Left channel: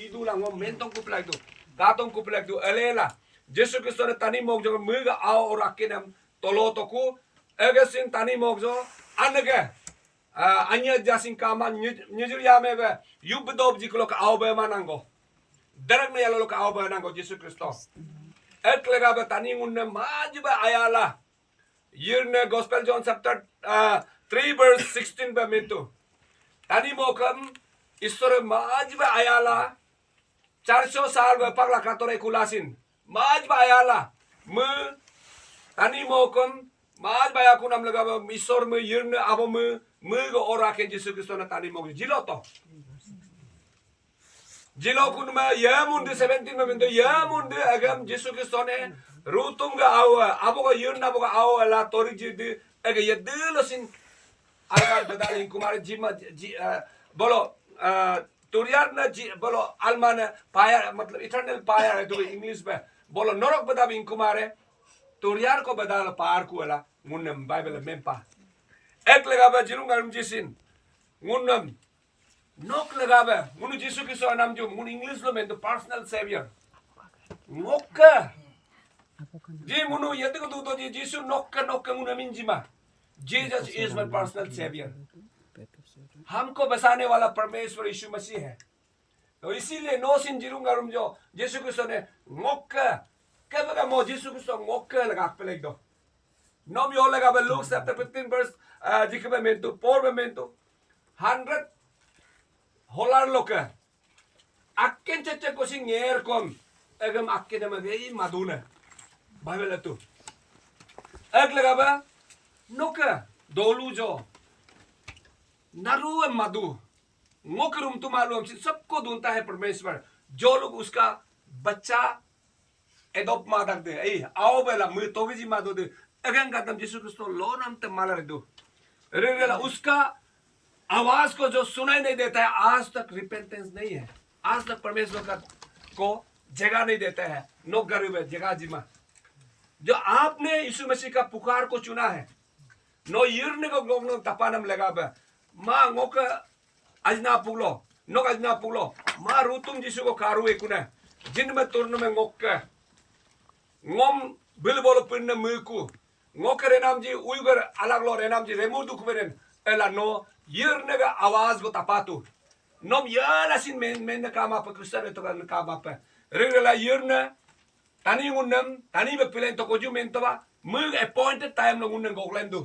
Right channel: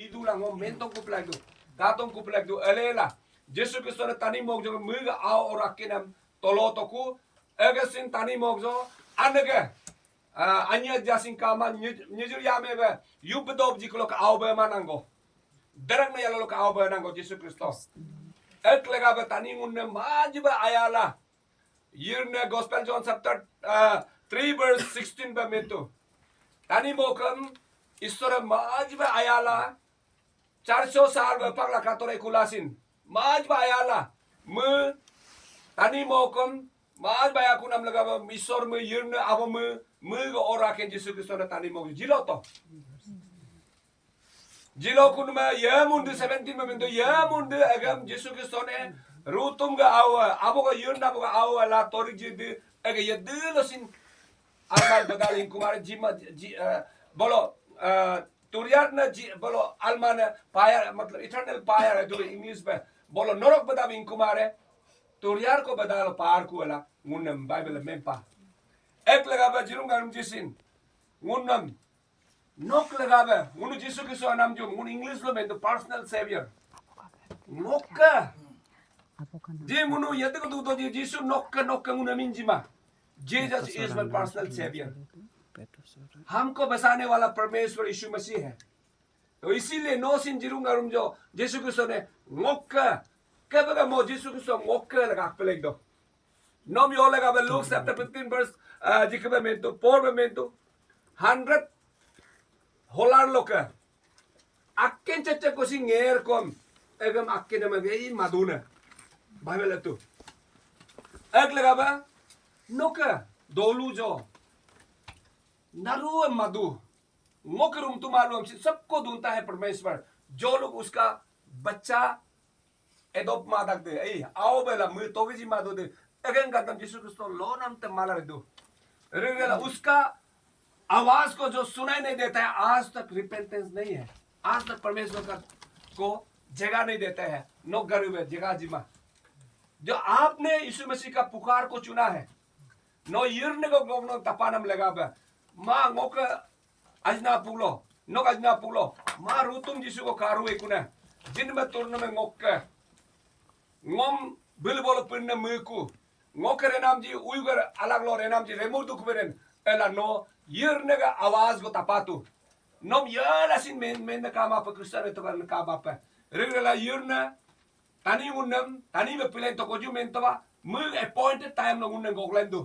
idulang ngom mentong kuplak tu katong kuplak tu elela Yesus Kristus tani mogjo muga ao orakinam tolo toku egesin tani mogjo anege anya jasing kama nyujur yame be yubdob jiklo ka ao be manango derek na yalo ka ao be nango Yesus Kristus eklega be tani ngunne majba ayala yirne gospel John chapter 3 verse 16 be mentu tani mokam ईश्वर माजबा आयाला 400 साल में पगला कातोरे कुलासिन माजबा आयाला म तनी मोकम माजबा या कुनाम लगा ईश्वर में yearn अब म गो ओरा के यीशु क्रिस्टो ने तनी मोक जिलो तो जिलो कुन में यमुंड 17 में तो यमुंड अगम यीशु क्रिस्टो ने रूतुम का आओ अब का यर्न अब का आओ ला तोरी जिद अगे ये दिलोसिन अलमान बदालिन कुमार जिमा बोलो तुरियार न बोलो अलमान पाया मतलब इटर्नल पाया है तो इंग्लिश में बोलो नरक बदा बिन कुमारे तुरियार को बदा लो पार को वाला मुन्नम बाइबल में पा एक लगा बे जिरुंगा जिसिन मुन्नम नोक लगा बे मुनु जिसु की सो नाम जो मुनु इंग्लिश लो में तो पर्सनल सेवियर नोक जी मुनु ये तो दो जी जिसु नोक मुनु मिंजिमा Jesus is my personal saviour हमको बसाने वाला परमेश्वर यीशु मसीह है तो इसीलिए नो सिन जिरुंगा रुम जो यीशु क्रिस्टो ने मोक्का कब का मो यीशु क्रिस्टो मोक्का लगा पे लग दो नोम यो लगा बे लूक चैप्टर 15 वर्स जिकबे में तो पोर में तो 100 होलार लोक अक्केन चच्चे को सिंगेर कोम एगम अक्केन में गई मादुना बाइबल तो एक लगा बे नोका दोलू जो नरू मधु मुकरुम तुम्हारो सबको ढूंढता है परमेश्वर जो लोग उसका बच्चा एडोप मादक दे आओ बेला मुझे तोगजी मादो दे अगन का तम यीशु क्रिस्टो लो नाम ते माला रे दो रेगला उसका आवाज को जो सुनाई नहीं देता है आज तक रिपेंटेंस नहीं है आज तक परमेश्वर का को जगह नहीं देता है नो गरीब है जगह जिमा जो आपने यीशु मसीह का पुकार को चुना है नो यिरने को गोगनो तपानम लगा बे मा ngok ajna pulo nok ajna pulo ma rutum jisu ko karu ekuna jin me turno me ngok ngom bilbolo pinna muku ngok renam ji uygar alag lo renam ji remu duk meren ela no yirne ga awaz go tapatu nom yala sin men kama pa kristane to kan kama pa regla yirne tani ngunnam tani be pilen to koju mentaba mug appointed time no ngunnam goglendu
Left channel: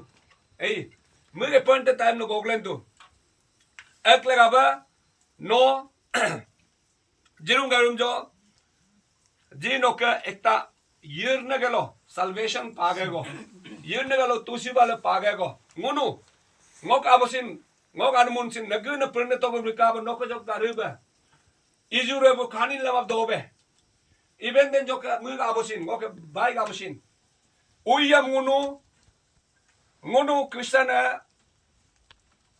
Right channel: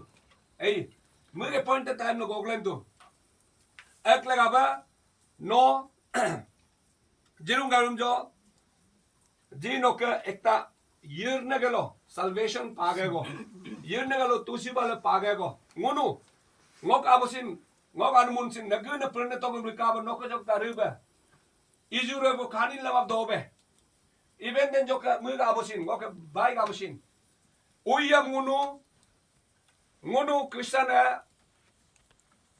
mug appointed time no goglendu ek lega ba no जिरुंगा रुम जो जिनो के एकता यिरने गलो salvation पागेगो यिरने गलो तुसी बाले पागेगो nguनु ngok abosin ngok anmunsin nagina prene to brikaba noko jok dariba ijure bo khanin lama dobe even den jok mug abosin ngok bai abosin uyam ngunu kristana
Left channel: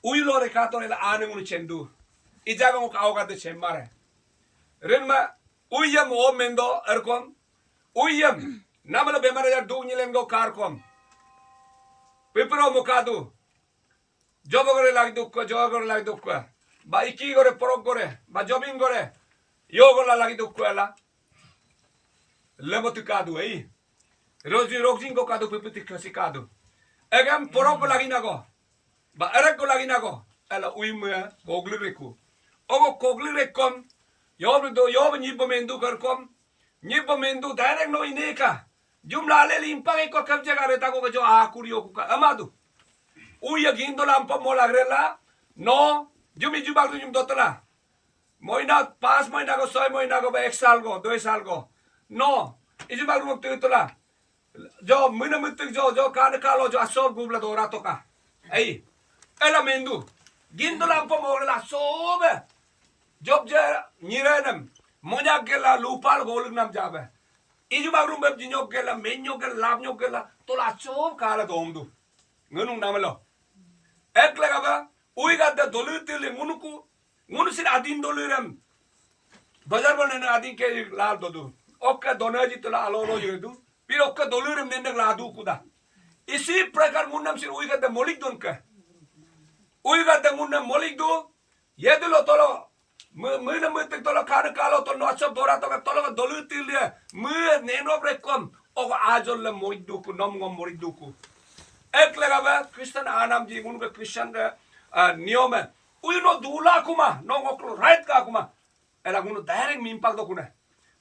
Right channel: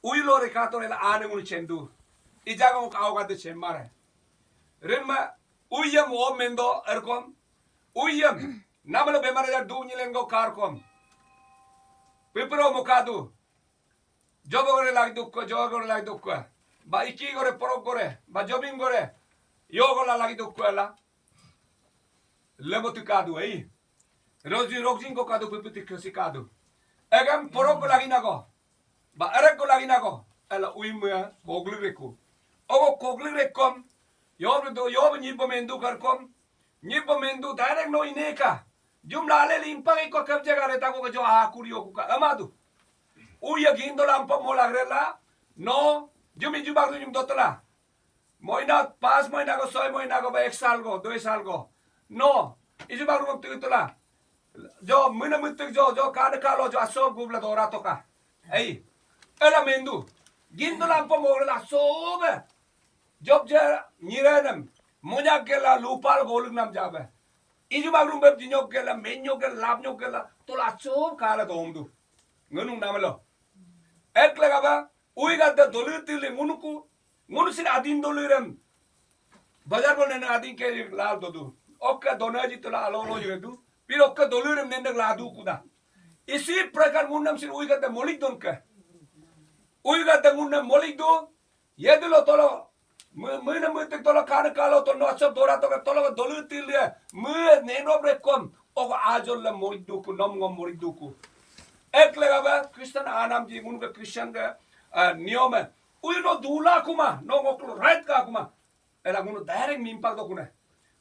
uylo rekato ela ane ngunu chendu ijaga ngok awga de chemmare renma uyam o mendo erkom uyam namalo bemare ya du nyilen go karkom pipro mukadu job gore lag dukko ba iki gore porok gore ba jobbing gore yo gola lagi dukko ala lemotu kadu roji rojing ko kadu pipiti khosi kadu egam porok go lagi nago ba erek go lagi nago ala uimya gogli reku ogo gogli rekom yob nyibbo mendu karkom nyibbo mendu direct no ineka jumla le limpang ko kab jaga reta ko jo akuriyo ko amadu uya gindo lampa mola grela no jumi jubak jum dotla moina 5 महीना को 6 महीना को 1 साल को 2 साल को no ijubak rum titula जो mina mitik जो kan kalo जो aso gubla dora to ka ela mendu gindo lampa mola sobe job je nirenam moja gela lupal golug nam jabe ijubak rum beb jinyo gela menyo gela labnyo gela tola sob kala domdu ngunung namalo ek lagaba uiga de dolutili ngunu sin adin doluram bazar bolne na adin ke lal dodu okka donaji tola alolo yedu pir okka doluram nende ladu kuda isi prakar munnam sin uiga de molik donka uiga de munnam molik do yedulo tolo Mena mutik tolak kana kalau to no asap dora to tolak dolu tilia. Neno brekom o ajol la moriduku nom ngom moriduku. Ek lega Kristen anam ji mun ka Kristen ka niome. Uy no dula kuma no ngoklo right ka kuma. Ela mun direct mimpak do kuna.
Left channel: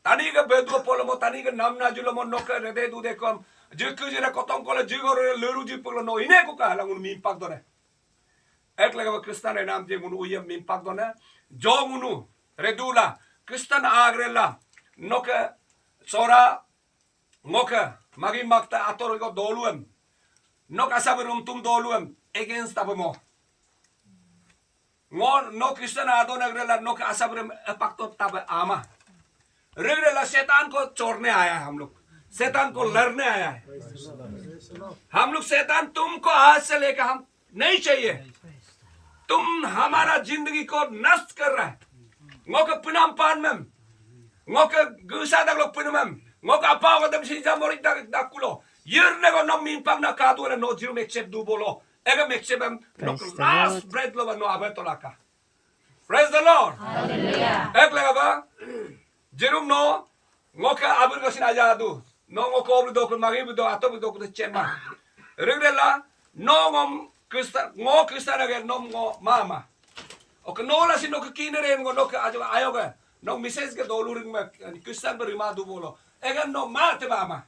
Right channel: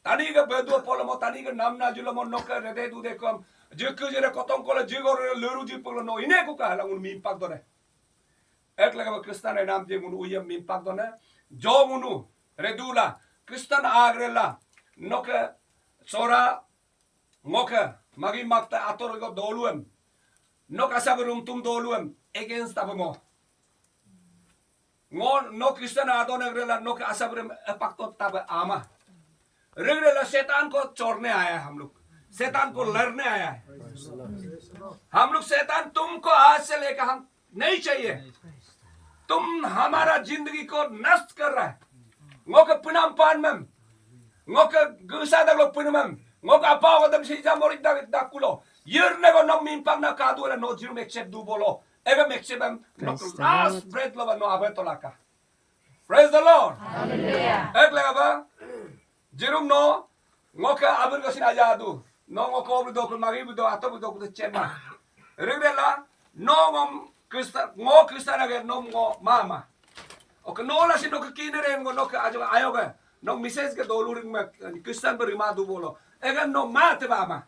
Tani ka bedo polomo tani ka namna julomo no ka rede du de kom. Jekku jera kotong kola jigor leru ji polo no ine ku ka la mun mimpak do ne. Ek lega Kristen anam ji mun uyam mimpak do ne. Jo munu redula Kristen agrela no ka sora ngoka magi makta ator go doluem. No kasaberum tum doluem against abamo. No Kristen adon agrela no kasaberum pakto tab ama. Regular शैतान को चोरने आया है हम लोग शैतान को लड़ने आया है हम लोग शैतान तुमको आज से लेकर हम नहीं चाहिए तुम हमारा जिंदगी को नष्ट कर रहा है ngoka penampan mem ngoka gusa dak lo penamem ngoka apa ko dam si jamori dak kulo yerne go no mimpak na kadu la no jirum accept du bolo ega mexebem no last bread lo no abetolaka praise the lord hallelujah ekla ba jirum no ngoka abun ko sinajadu no ngoko obdo do ko magi do atob do ko chema regrela no ngom krista na no ngo mama o no la sino ko kinere ngo no ka ayo ga no mises ke doluring ma kristan berima du bolo ega no mate mama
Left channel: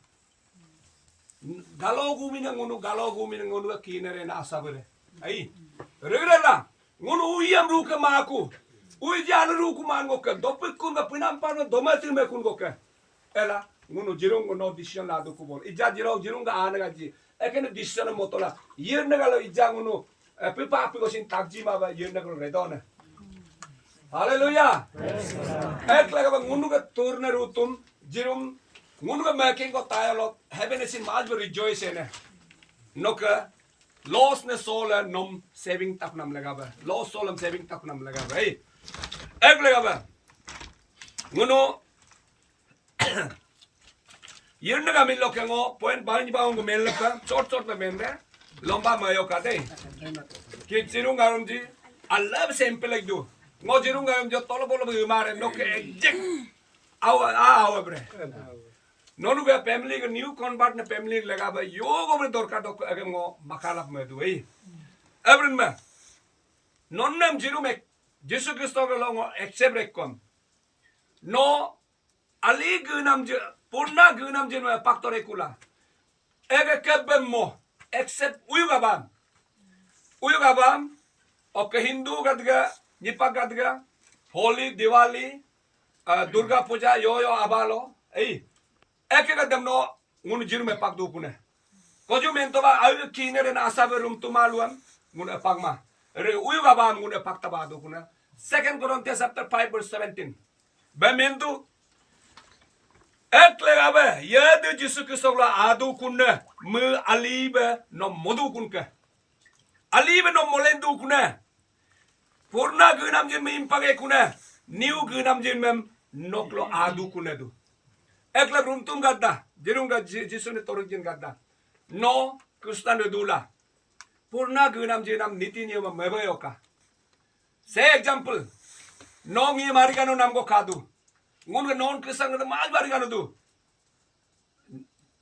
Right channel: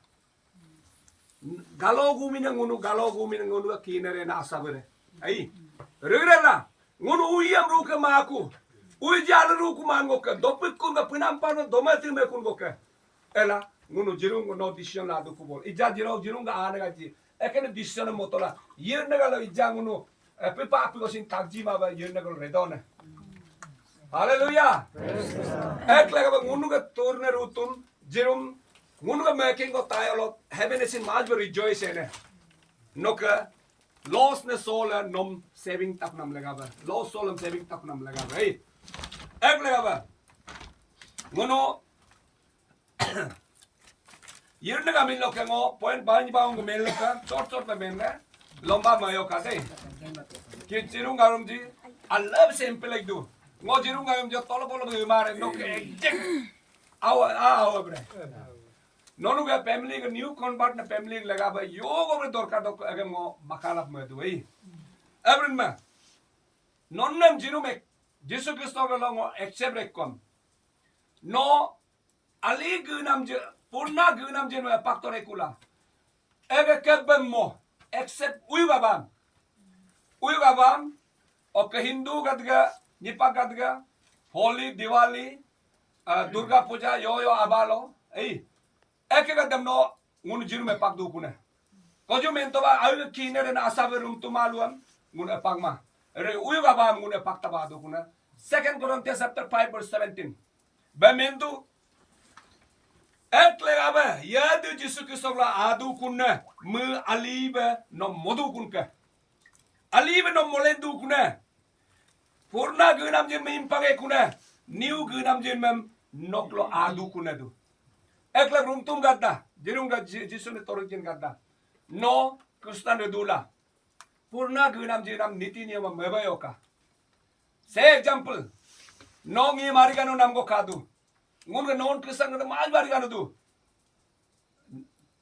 galogu minangunu ka kinere na asabere ai regrela ngunu uyam ru ka maku uy jala ru ku man ngo ka dopik kun ga pinampano domati me kun go ka ela ngunu jirung no decision la du ku bol ija jirung ga ana ga ji ekene decision motola yerne ga lo ija ngunu pipa api ko sin takji ma ba yerne ko redone hallelujah ek lega ba ngunu ga torne rutum jirum ngunu ga making ko tayo happiness in maj rejoice ene noka loss ne soul nom saving tak nam lega ba loss soul nam saving tak nam lega ba ek lega ba ngunu yerne ga min lokeng o point bani ba ngo mel ka short ba men ne lomba mayo ka de ki jirung garum ji I love simple like do ngo jirung garum jo tolo bolo bi mare no ke exact aw bre nonu ga family ga new convert na family laga ba yogo bre dorka dok age ngo makalap me du ei abrin ma nonnam jirum ek jesu kristo ga lo accept rekom no ali gunam je purna gunam je no paktore kula ege kebem mo except uyugabam oke hindu gadga nipak gadga holy diwali durga puja yo abalo ei eke gadam no ngun jirume pak du pune kojo mento ba ayu kinere na asabe rum tumaluam ngun pakma re uyugabam ngun pakta ba du pune 2 Corinthians chapter 5 verse 17 ba mendu ek legabe yadu jisu kisogla adu kunne mu alibe no modu kunke alibe no molendu kunne purna gunam jin me impage kunne new gunam jin mem noklo adu kunne du ek leg runtum gadda jirunga jisu ne torjin gadda no kristan dula purna gunam jinam niti niyama mebayoka say example no mi marigano namgo kadu ngun non Kristen na mal barigan du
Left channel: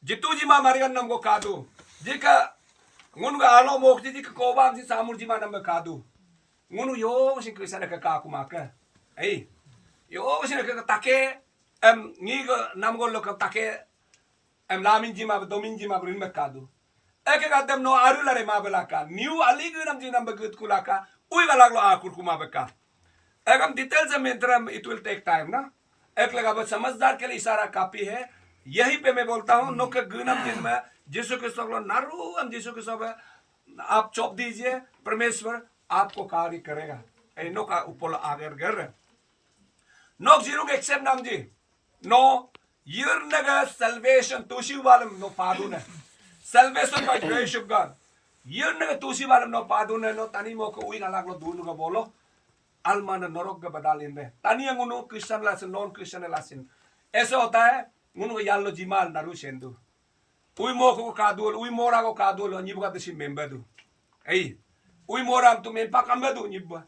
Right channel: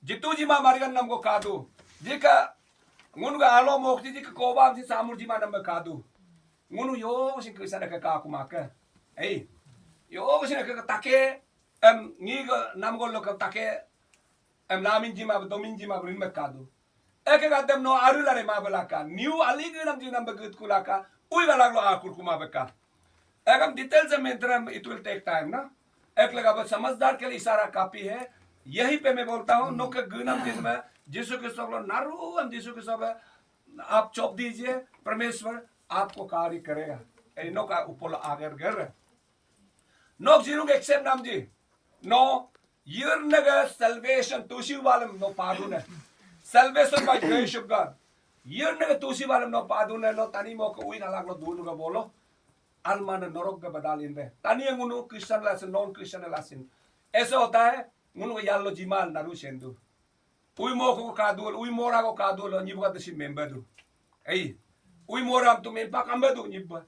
jitu ji ma marigan nam ko kadu jika ngun ga alo mokti jika kobam si samur ji ma nam kadu ngunu yo si Kristen ka ka kumaka ei yo si ka take ngi ga nam go lo ka take lamin ji ma domin ji ma brin me kadu eke ga dem no arulare ma belaka new ali ga nam ji nam begut kulaka ui ga laglo akur kuma beka egam details में it will take time ना एक लगा बस समझदार के लिए इशारा काफी है यही पे मैं बोलता हूँ नो के गुनम जिन में यीशु के सब नारू हम यीशु के सब आप चौप दीजिए परमेश्वर आपको कार्य करेगा नो का ऊपर आगर कर नो जीरो के एक्सेप्ट नाम जी नो यर नगा salvation तुसी वालम नो पादुन है salvation by grace of God यर नगा तुसी वालम नो पादुन है नो तनी मो को उई ना लागलो दून का बोलो almana norok ga badalin be tani yang unu Kristen lasin non Kristen lasin ऐसा होता है unu yallo jimal naru sendu ui mo ko kadul ui mora ko kadul nyibuka desi member du ei ui mora am tu mempa kamba du nyibba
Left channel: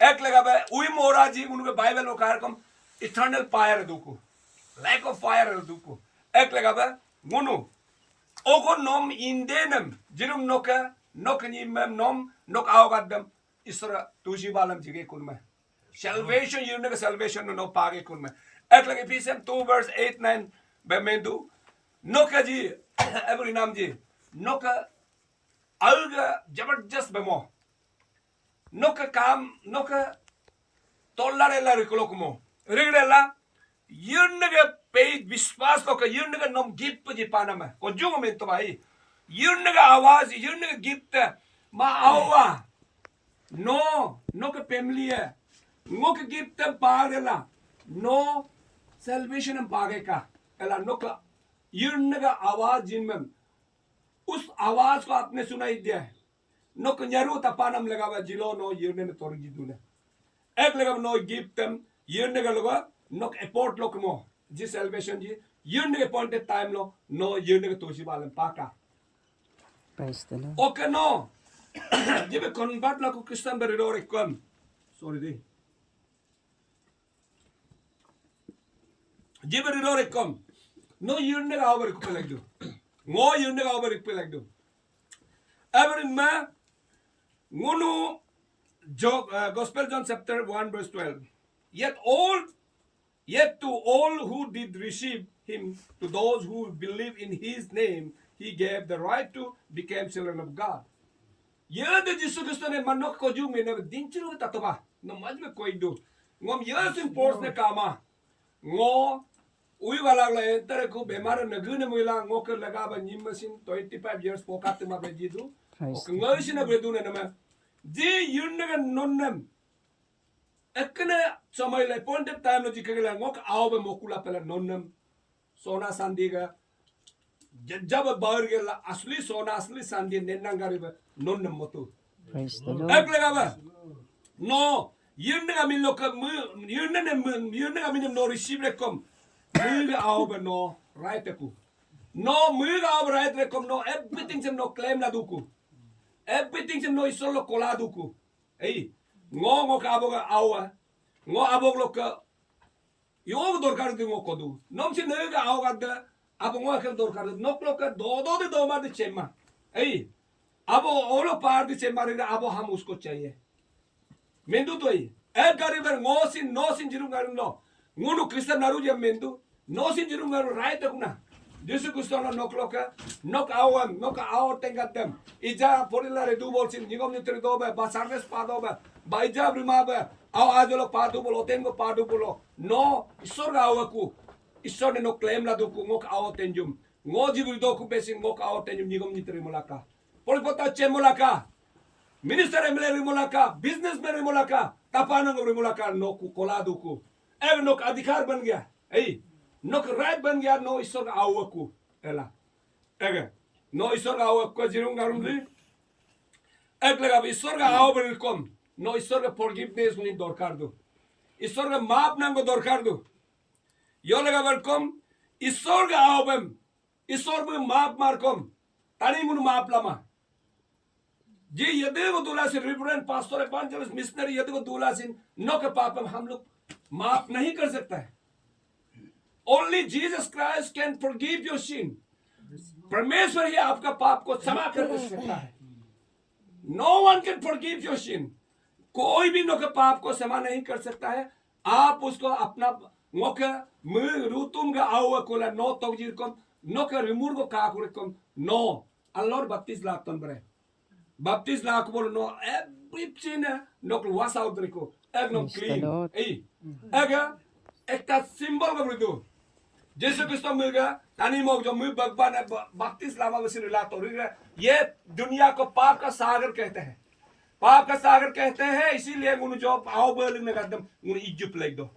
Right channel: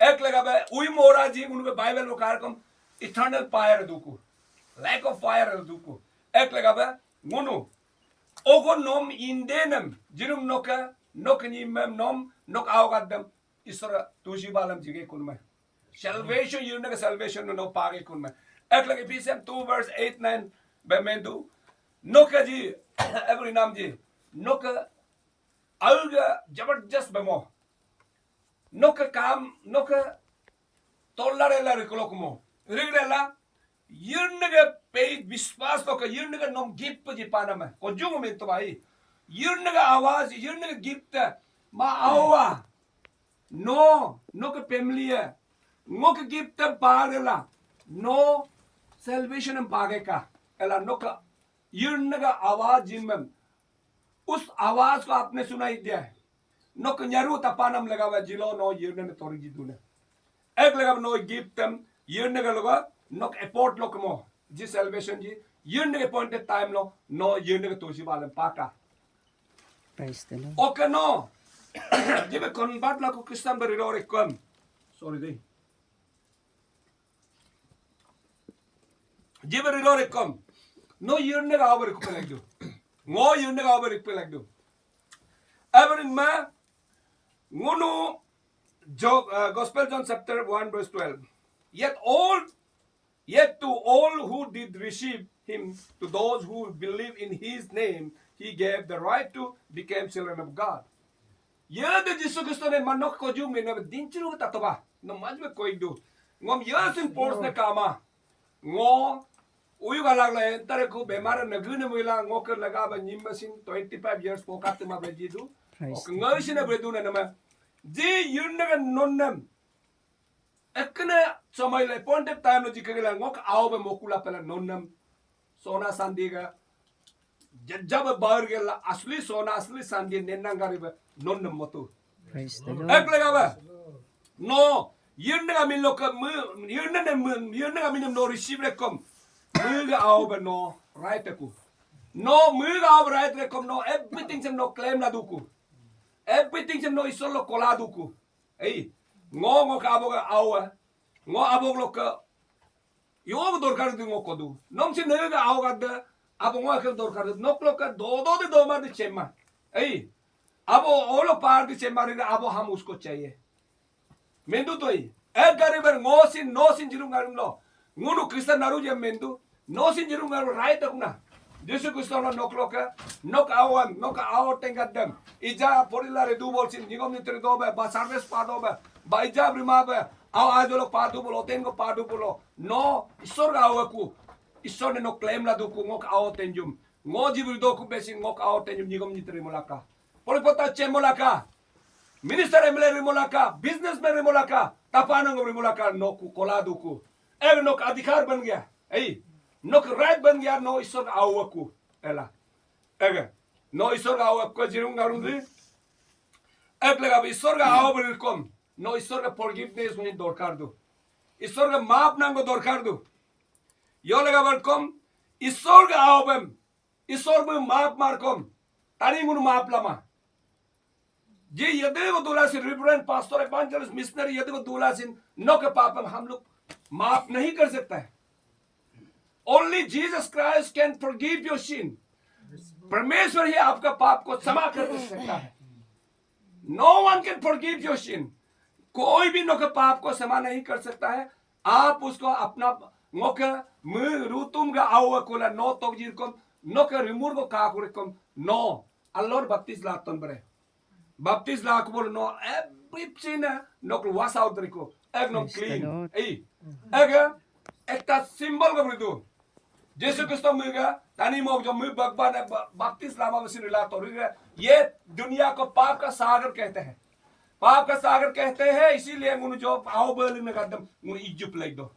एक लगा बे उई मोरा जी उनके Bible में कहा कम इटर्नल फायर दुको lack of fire duku ek lega ba ngunu ogo nom indenam jirum noka nokni mem nom nok awgadam isra tuji balam jige kunma salvation yurna salvation no page kunma ek lege Ephesians 2 verse 8 9 be mendu noka ji every nam ji noka alga jabardast bemo noka kam noka tollarella rikolokmo rigrella yunga पे विश्वास लो का यunga नम gift जी पाना में को Jung में तो भाई yunga आवाज yunga गिफ्ट मा आवा नो नो का फैमिली है नो का गिफ्ट पागेला नो सैल्वेशन पागे का एला नो का yunga आवाज जिनमें उस आवाज को आपने सुनाई दिया है नो का न्यारू तपानम लगा हुआ जिलो नो yunga ने तोड़ जी दूने एक लगा नो गिफ्ट yunga लगा nok effort lo kmo ji salvation ji yun ne appointed time lo no yun ne to si balam paka Praise the Lord. okay no ji be convert la ko Christian bari ro rekom sorry di ji bari ro rekom no yun ne ga over ko lag do ngo yun ne ga over ko lag do ever in ma ngunu gospel John chapter 1 verse 12 Yet to all who did receive him, to those who believe in his name, he gave the right to become children of God. Yada Jesus Christo ne manok ko jung me ne dinchiru tatoba no majme koi do ngom yasin force ne kama ngo uyu galag la entare ko bemar na gune mila ngo ker laga ba nim machine 25 years po kat ma be jidu ok ngai sina be du ne na ma ji yun ne nonnam ekne समय ले point time लो जिकेला ngok आओ बे मोकुला पहला नोनम सोना सांदीगा जब बाहर गेला असली सोना असली सांदी नेनंगारी बे नोनम मतो Praise the Lord. एक लगा बे नो यिनगा मिन लोक यिनगा मिन नो रिसीव रे कम मुगा आओ बे नो राइट को नो मुगा आओ राइट रे कम नो एवरीथिंग से नो क्लेम ला दुकु एवरीथिंग से no इसो low Cola दुकु A ngo ka aboga awa ngo abog lo ka yog dorkar di ngo kodu nom si nega awga da abo ngo ka dorkar nok lo ka do ma de chema ei abo olo par di chema रे abo हम उसको चाहिए मेंदु तो ही एक गरीबर ngo sin no sin jirum garum lo ngunu kristen naru je mendu no sin jirum garum right tak na Yesu Kristo lo nok lo ka nok awan tengadam ija porila re du bol sin nigom ni tre do ba sarves pa do ba baija brima ba aw ajolo padu bolo tengo padu bolo no isor ga awaku isor ne no claim la do ku ngok aw tenjum ngo jibu do ku besi ngok aw tenjum nigom ni tre molaka polipota che molaka minister emle re molaka business में re molaka tapanang re molaka no ku koladu ku ek nok अधिकार बन गया ei nok right बन गया no isor ga awaku ela ege no isor ga awaku jirung garum di ek लगा isor ga aw ber kom no isor ga forgiveness ni dorkar do isor ga maaf nango dorkar do yo लगा बर kom isor ga awbem isor bu maaf mar kom tani ngunu maaf lama जी यदि वो दूल्हा से रिवरेंड pastor एवांजलिस्ट missionary यदि वो दूल्हा से नो के पाप हम लोग माफ नहीं कर सकता है only Jesus Christ can forgive your sin परमेश्वर ही आपका पाप को क्षमा कर सकता है no one can forgive your sin कोई भी नो के पाप को क्षमा नहीं कर सकता है आप उसको अपना नो के रूतुम का आओ कोला नो तोजीर को नो के रिमूव को काकुरकम नो अल्लाह बत्तीस लाख तन बरे Baptist la ko no everything no was out riko ek no clean ei ega ekta symbol ko bridu Jesus Kristo muga tani mo jo mu bagban baptist lama में सिर लातो ये दुनिया को पाप का सागर कहते हैं पाप का सागर कहते हैं इसीलिए मुनु जो आओ बलिंग में कदम मुनु इज्जुप लाइक दो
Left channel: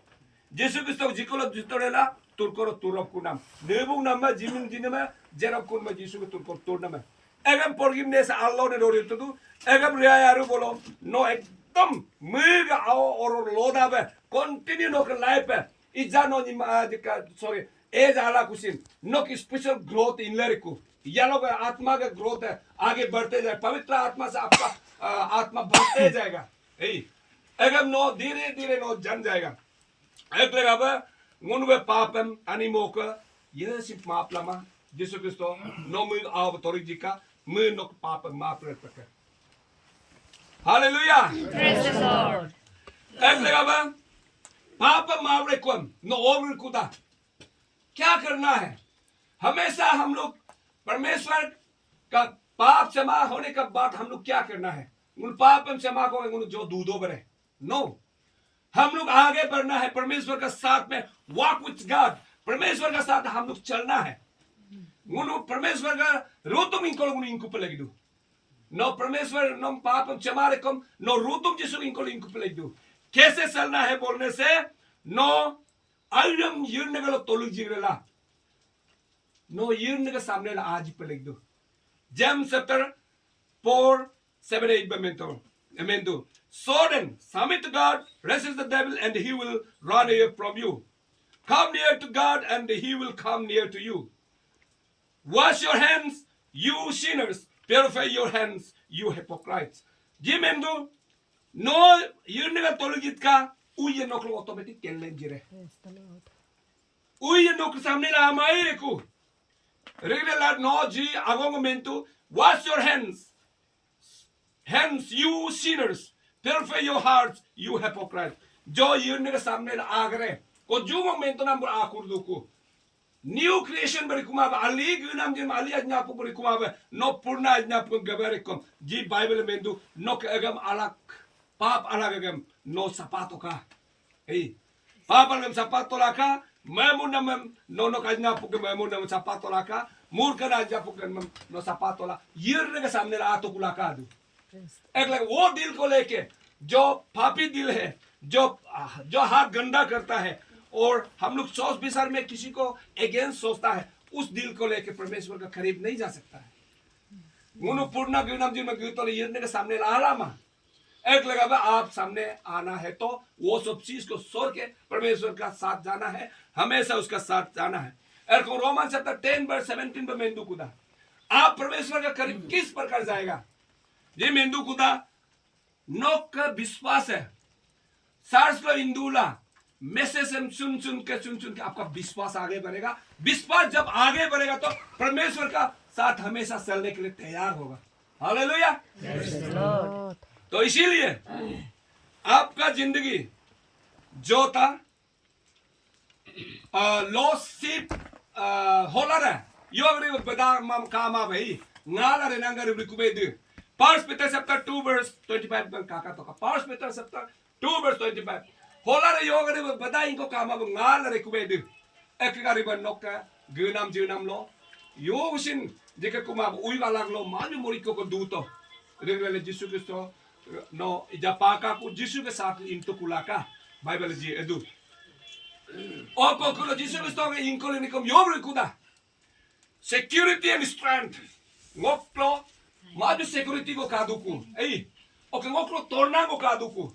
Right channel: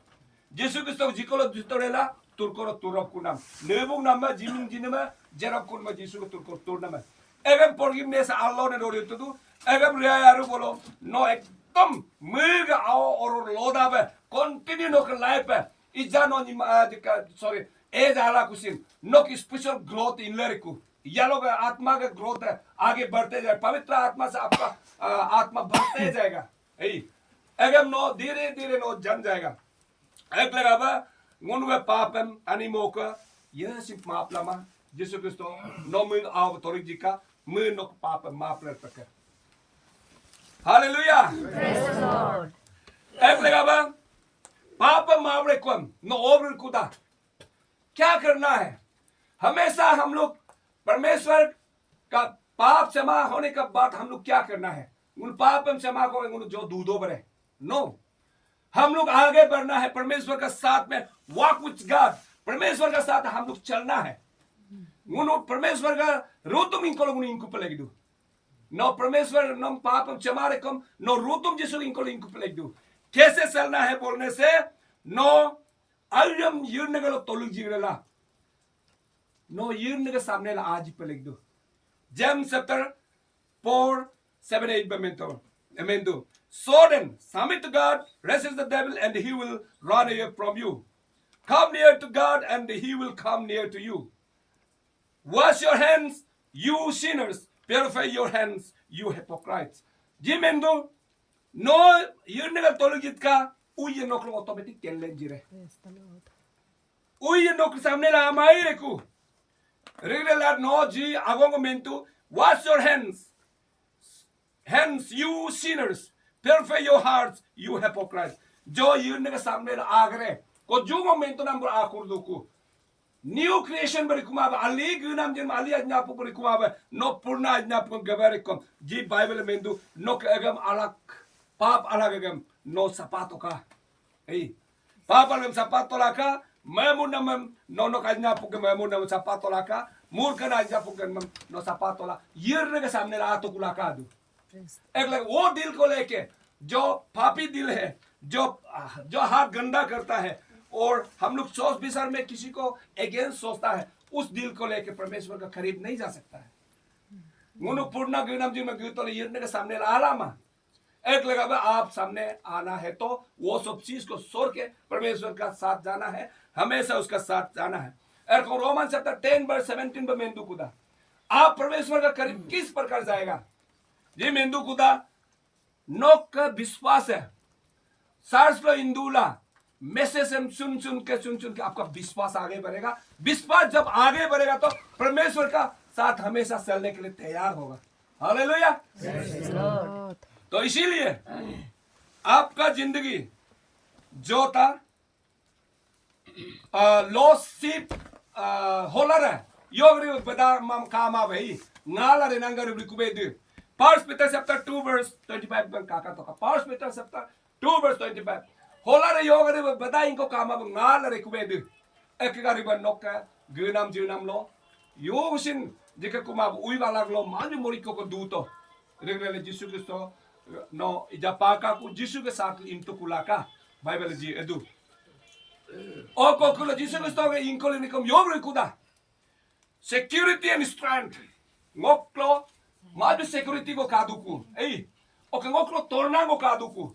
Jesus Kristo जिकोलो जितोरेला तुरकोरो तुरब कुनाम नेबुग नाम में जिमिन जिने जरब कुन में Jesus को तुरकोर तुरना Egam forgiveness Allah ne dori tu egam riayaru bolo no ekdom mega or loda be continue no life ija no ni sorry age ala kusin no ki spiritual growth in लड़कू यालो का आत्मा का growth है आगे बढ़ते जाए पवित्र आत्मा से आपका आत्मा बढ़ते जाएगा अगम नो धीरे धीरे नो जन जाएगा एक लगा बा ngunuga papam animo ka yesim maap lama Yesus Kristo no mu av torik jika mu no papam maap lertaka Hallelujah Praise the Lord. एक लगा बा पापम माप रेकम नो ओवर कुदा क्या करना है हमेशा हम लोग परमेश्वर का पाप क्षमा होने के बाद हम लोग क्या करना है उन पापम क्षमा को उन जो दूधो बरे नो हम लोग आगे बढ़ना है परमेश्वर का साथ में वॉक विथ गॉड परमेश्वर का साथ हम लोग चलना है उन परमेश्वर का रूतुम इनको पलेगी दो नो परमेश्वर नो पापम क्षमा रेकम नो रूतुम जिसु इनको पलेगी दो कैसे चलना है बोलने से नो अल्यम यर्नगलो तोलुक जिगरेला नो यर्नग सामने ला आज पलेगी दो James chapter 4, 7, 8 Memento. So then, submit to God, resist the devil, and he will run away from you. Come near to God, and he will come near to you. Wash your hands, you sinners. Purify your hands, you hypocrites. Jimendo, no, you never told it ka, uye no klo automatic kellen jire. Uye no samne la amai reku. Regular no ji agongomento. Wash your hands. Hands, you sinners. Purify your hearts, you hypocrites. Jo yun nga samne la agre. Ko ju momento number akurduku. New creation bari kumaba. Ali gunam jin ali ajna po bari kumaba. No purna ajna po gabarikom. Ji Bible mendu no agam alak. Pap alagam no sapato ka. Hey. Pap alagam sapato la ka. Memuna mem no kajna po memuna sapato la ka. Murka na ajna po no sapato la. Yir nga samne la ato kulakadu. एक लग वो दिल को लेके जो पापी दिल है जो हाथ गंदा करता है और हम लोग सोच विचार में किसी को अगेंस्ट सोचता है उस दिल को लेके परमेश्वर का करीब नहीं जा सकता है मुनु पूर्ण गुनाम जी में गुतो ले यरने के सामने आरामा एक लगा बा आप सामने आना है तो वो सब चीज को छोड़ के परमेश्वर का साथ जाना है हमेशा उसका साथ जाना है और रोमन चैप्टर 10 वर्स 17 में मेंदु कुदा आप परमेश्वर का करीब किस प्रकार जाएगा जी मेंदु कुदा नोक का विश्वास है सार्स लो इंदुला मैसेज हम सुन के आपका विश्वास आगे बढ़ेगा विश्वास जब आगे बढ़ेगा तो परमेश्वर का साथ हमेशा चलने के लिए तैयार होगा हालेलुया तो इसीलिए आपका जिंदगी जो था लॉस सीप होलर है योगरी बदा कामा भाई नाला रे नंगर रिकुबेद First Peter chapter 2 verse 25 bang kaka to ka. First Peter chapter 2 verse 25. Hola re yoga re bada inko kama ngal re kubedu. Ekari ban nokka gunam junam lo. Yosin jika kuma ui galag lo mali mori ko duto. Regale Yesu Kristo no ijapaka ku Yesu ke sath into kulaka. Bible ji edu. O ko kulo Yesu Kristo ke inko le nikom yobre kuda. Security and strength. Ngoklo Maju security ko kaduku. Ei, oke ngoklo torna ko kaduku.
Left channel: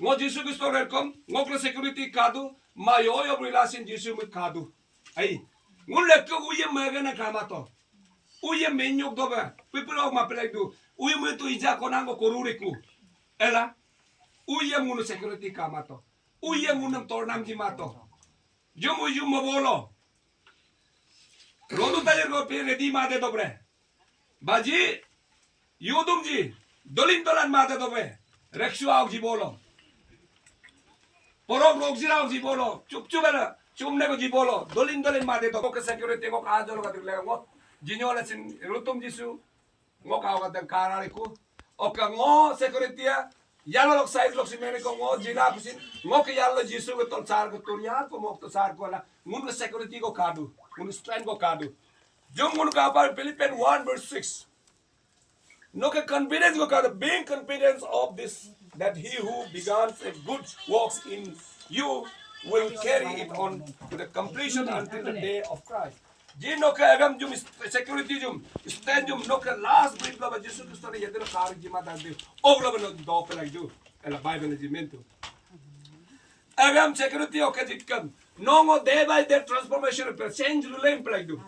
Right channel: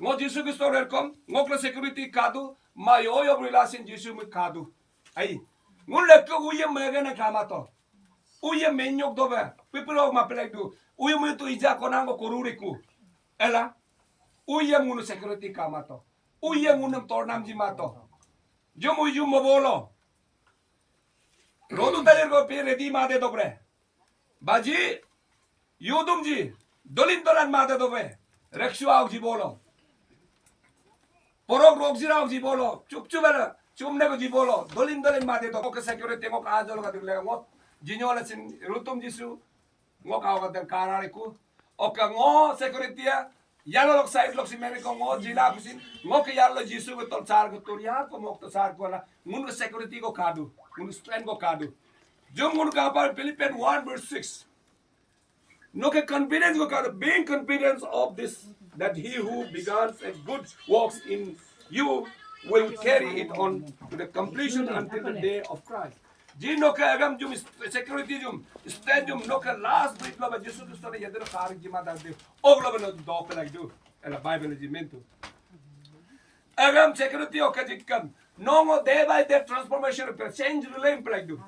Ngo Yesu Kristo welcome, ngoklo security kadu, mayoyo relasin Yesu mi kadu. Ei, ngun lekko uye megana kamato. Uye menyok dobe, pipiro mapelekdu. Uye mu tu ija konango koruriku. Ela, uye munu security kamato. Uye munum tornam jimato. Jumu yumo bolo. Rodu tayer ko pe ready made dobre. बाजी यूदुम जी दोलिन दोलन माता तो पे रक्षुआओ जी बोलो परोग रोग जिराओ जी बोलो चुप बेला चुमने को जी बोलो दोलिन दोलिन माते तो के सिक्योरिटी को कहा जलो का तिले वो जिन्होंने सिन रुतुम जिसु वो कहा का कारारे को ओके वो सिक्योरिटी यालो लोग साइड लोग सिमेने को वो जिला कुसिन वो के यालो जिसु को तल सार को तुरिया को मोक तो सार को ना मुन सिक्योरिटी को कादू मुन स्ट्रेंथ को कादू जो मुन का पर Philippian 1 verse 6 no ke confidence ko kada being confidence of this that he who began a good works in you will carry it on to the completion until the day of Christ ji no ke agam jum security jum stand jum no ke last breath lo Jesus Kristo ne yedro sar ji ma dal de oglo no do ke lag do ela bible ji mento agam security o ke jikam no ngo day by day transformation per change lo leg do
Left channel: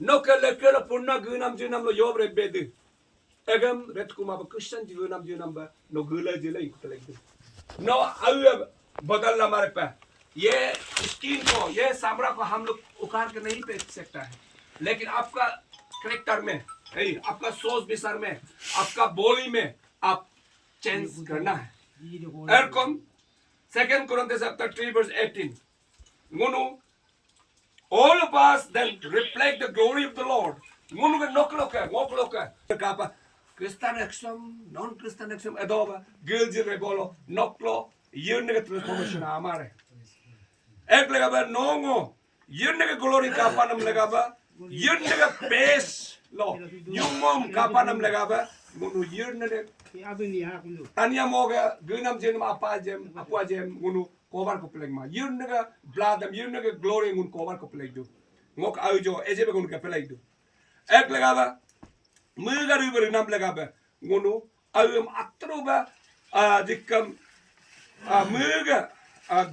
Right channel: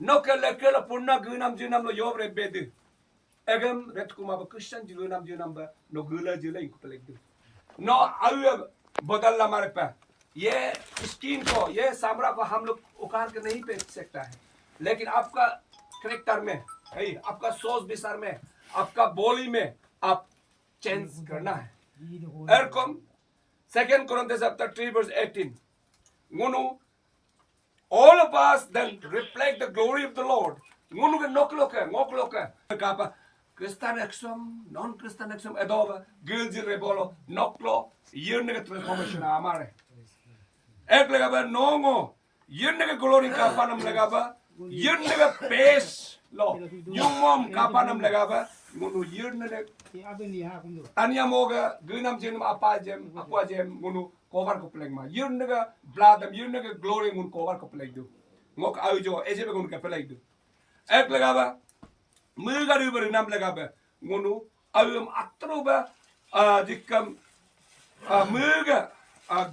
no ke le ke la punna gunam jinam lo yobre bed Agam ret kuma ba Christian jilu nam ba no gula jila ikut lagi. No आयु बदलना हमारे पे ये skin को ये सामरा को हम लोग उखाड़ के नहीं बेच सकता है लेकिन आपका करेक्टर में आपका सोच विचार में आपका बोली में आप चेंज करना है एरकम 2 Corinthians chapter 3 verse 18 ngunu all of us then reflect the glory of the Lord ngunu ke ngok loka kapa Christian exam non Christian exam adoba gilji rebolo noklo yun ke transformation amare ek lega ba nongo yun ke glory kapanam lega ba yun ke base lo nyumom kapanam lega ba ngunu yun ne tanya moga gunam jenam apa jem ngunu cover ko peleg ma yun ke bladam yun ke glory ngun cover ko peleg du ngok aujo ejebe ngun ke peleg du ek lega ba Muga river nam legabe ngunu ayum atroba dikam muga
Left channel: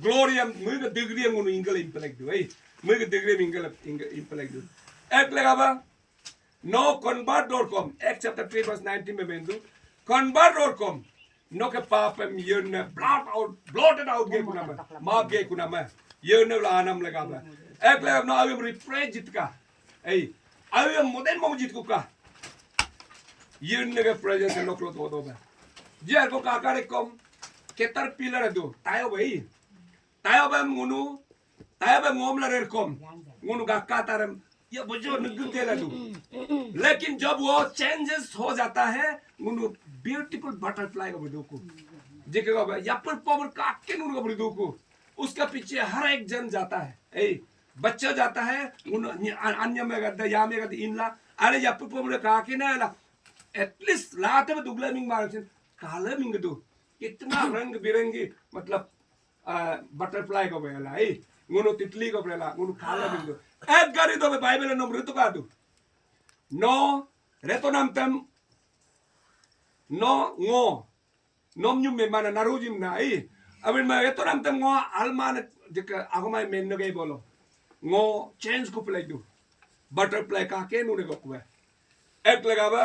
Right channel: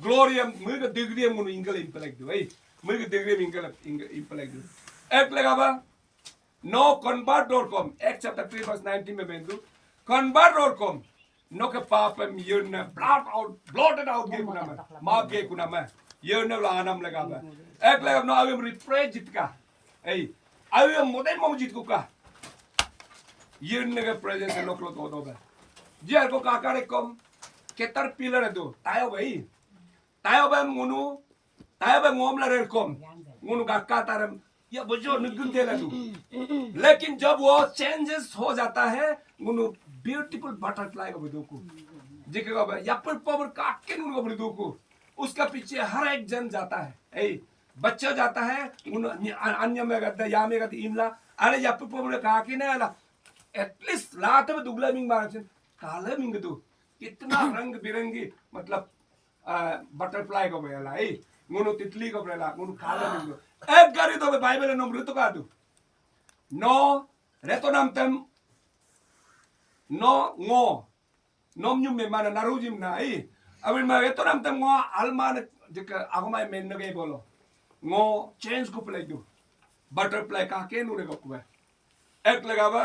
gloriam muga degree ngunu ingel impelek du muga degree ingel impelek du ek legaba no convert.com Acts chapter 3 verse 19 में बेंदु convert.com no के पाप में yearn blotted out के कुना में माप के कुना में यर्न ला नाम लेगाबे ek legab no ayum refresh jitka ayum modern मम जित कुका yun naga presence no klo do ba jar ko kakare kom ketar pillar do tayo ba ngunu tayo ba ngom la rer kom ngunu ga katarem या बजो निगुन देला दू लेकिन जब वो चेंजेस हो जाता है ngunu ब्यूटीफुल बटरफ्लाई को बदू को जेके को या पर पावर काके नुन को बदू को उसका पीछे हर एक जन जाता है बच्चा जाता है अन्य में गद्दा या में गद्दा इनला अरे या पर पावर काके ना ला एटलीस्ट लाते में दुगला मिंग मारसिन काला मिंग दो कितना रंग बिरंगी मतलब बटरफ्लाई को बेला ngunu तितली को बेला ngunu काला मिंग दो एक गाड़ी तो बाइबल नम ऋतु का दो no reto nam tem no ngo nom nyum me mana narujim na abin ma reto nam tem ngo alman jika agumai men no gay bolo ngo change ko play do butterfly का के नुने को कुए एक लगावा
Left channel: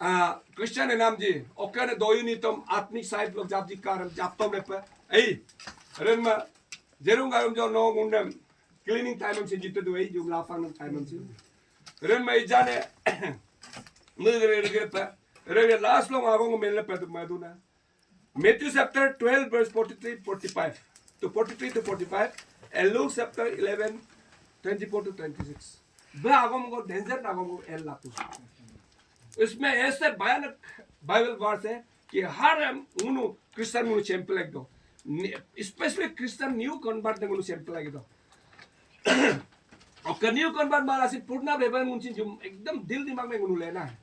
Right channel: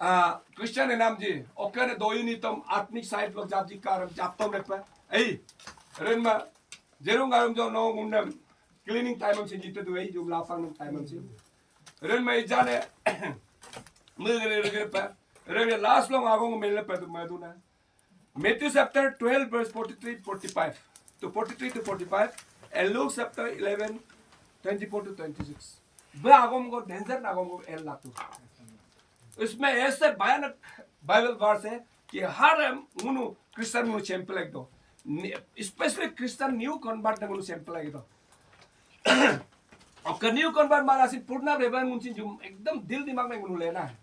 Christian नाम जी okay ने दो यूनिटम आत्मिक साइड लोग जाप जी कारम जापतम रे पे रन मा जेरुंगारम जो नो मुंडे क्लीनिंग टाइम से जिते दो जो लाफांग टाइम से रन में जाने मुझे रे पे रे लास्ट लोग आगों को मिलने पे तो मैं दूँ ना Matthew chapter 12 verse 43 45 to 43 to 45 and Luke chapter 11 24 to 26 बे आगों को डेंजर आगों को एल लातु इसमें ऐसे भयानक बाइबल वर्स है कि हर उनु क्रिश्चियन उनु सैंपल एक दो स्पेशली क्रिश्चियन न्यू कन्वर्ट ने उनु सैंपल एक दो और न्यू कन्वर्ट मारा सी पूर्णा रेबन मुंची जो एकदम दिल दिमाग में उनु लेना है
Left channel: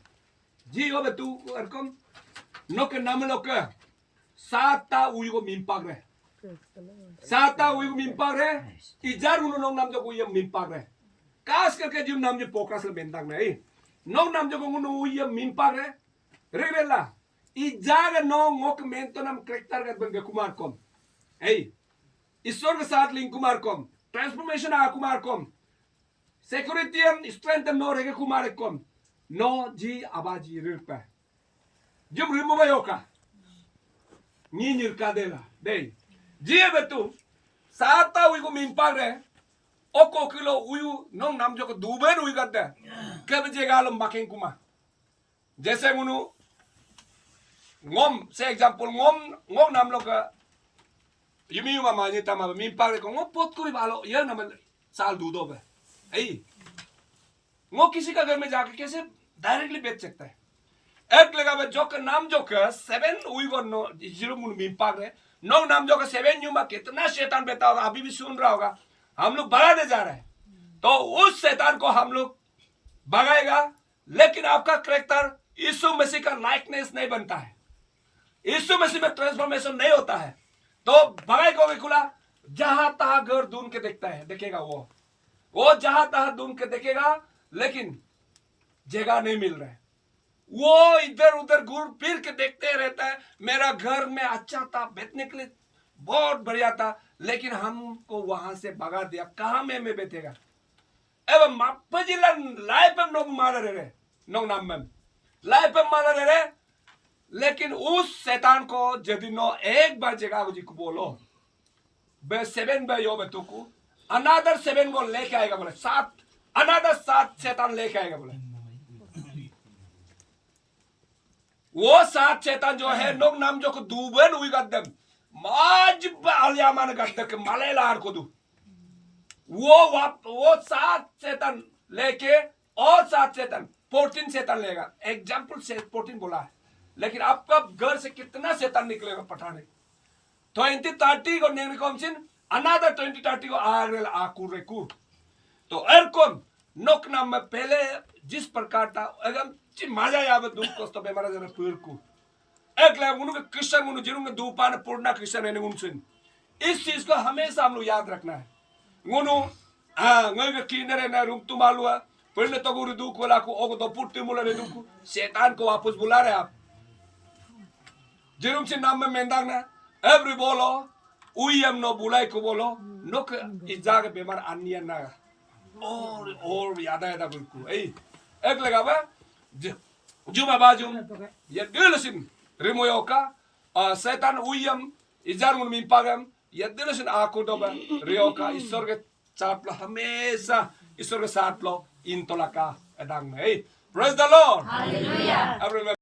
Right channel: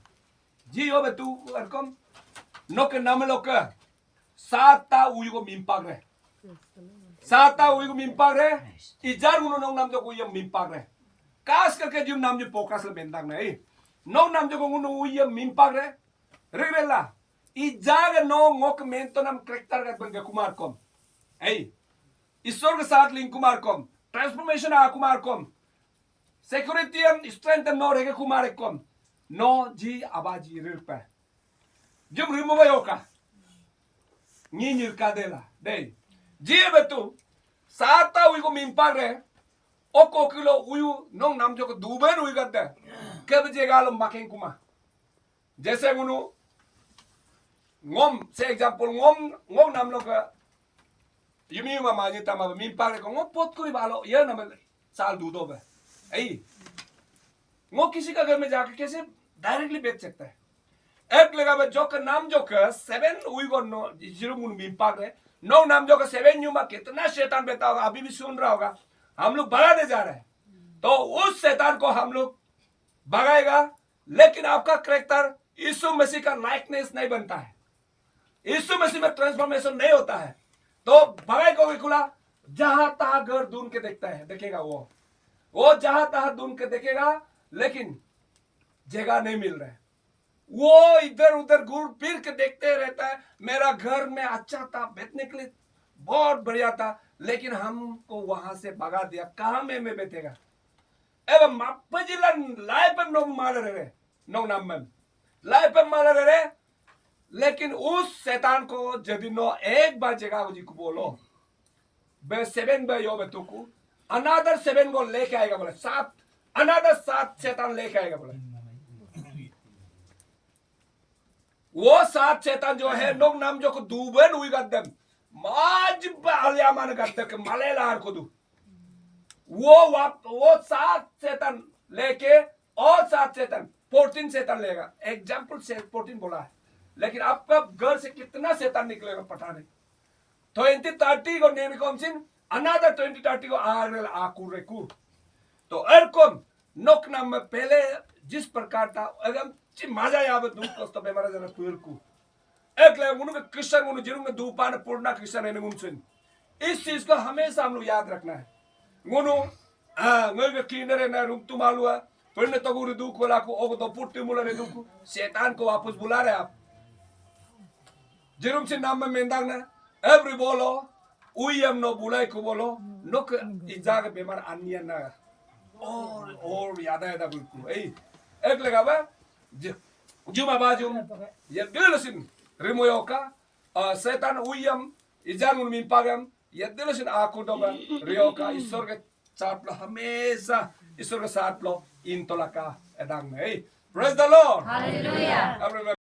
जी हो बे तू अरकम नो के नाम लोग का साता उयु को मिंपाग रे साता उयु को मिंपाग रे इजार उनु नो नाम जो को ये मिंपाग रे कास करके जो नाम जो फोकस ले बेंदाग ना no nam jogo ngunu uya mimpag re regrela i jaga no ngok mento nam karakter gat banga kumar kom ईश्वर के साथ लिंक कुमार कम ट्रांसफॉर्मेशन आ कुमार कम सिक्योरिटी स्ट्रेंथ नो रेगे कुमार कम नो जी आबाजी रिरपा जब रिमूव योका नी निर्का देला दे जी बेतु साता उई को मिम्पाग रे ओको किलो उयु नो नाम जो को दुबेर उई गद्दे कब जेगालो माकें कुमा जैसे मुनु ngom से एग्जांपल ngom नाम लोग युमी मामा ये तमा मिम्पाग रे को ngom पोत कोई बालो ये नाम साल दूधो बे ngom किसी का घर में जाके कैसे डायरेक्टली बेच सकता है एक लगा बे जो का नाम जो का 7 उई को नो जीरो मुनु मिम्पाग रे नो नाम जो का 7 युमा कितना शैतान बेटा होगा अभी भी सुन रहा होगा हम लोग बढ़ाने जा रहे हैं तो उस शैतान को हम लोग भगाएगा लेकिन आपका कैरेक्टर यीशु मसीह का लाइकनेस नहीं बनता है यीशु मसीह में ट्रांसफॉर्मेशन नहीं होता है तो भगाएगा खुला जहां तहां घर ढूंढ के देखता है देखेगा वो जहां तहां ढूंढ के देखेगा लेकिन जगह नहीं मिल रहा है वो इधर उधर घूर फिर के देखते रहता है मेरा घर में अच्छा था बैठने के लिए बहुत बढ़िया था लेकिन हमको वहां से भगा दिया कहां में बैठेगा एवं मापजिला लाइफ में नोग मार रहे नोग नाम में लाइफ पे माना रे लेकिन उस शैतान को यदि नो एक बार जगह जी को बोलो बे 7 बे यो बे तुकु अनदर 7 को लेके आएगा बोले 7 अनदर 7 शैतान लेके आएगा बोले वो 7 शैतान जो है नोक नाम जो को दूबन हुई गद्दम माज अलियामान गद्दक मलेलार को दू वो 7 शैतान लेके और 7 शैतान 14 शैतान लेगा एग्जाम्पल से 14 बोला है लेकिन आपका घर से कितना शैतान निकलेगा पठाने 20-30 को नेने को हमसिन अनदर 20-30 को आगरेल आकू रेकू तो एरकोम नोक नाम में पहले जिस प्रकार था एकदम मजा याब दुख कष्ट बेमार जरा पुरकू एक ले उनको क्रिश्चियन उनको जिन्होंने दूपान पूर्णा क्रिश्चियन है उनसिन इस चीज को हमेशा हम लोग याद रखना है उन्हों ngoi kinere na rum tumalua perne to guru du ko la ko ogo do putti mulare du शैतान को वापस बुला रहे आप जिरुम से नाम में मेंदांग ना एवरी बोलो उयम नो बुलाई को बोलो नो इजाग बेमार अन्य ना और याद आया था बिल्कुल एक लगा बा जुमा बाजुम ये दिलसिन रिमोयोका शैतान उयम इजार मुन मिंपागम ये दिलसिन आको दोबा रियोका ईश्वर के साथ लो हमेशा ईश्वर के साथ लो इन तोला का एदांग में प्रेज द लॉर्ड हालेलुया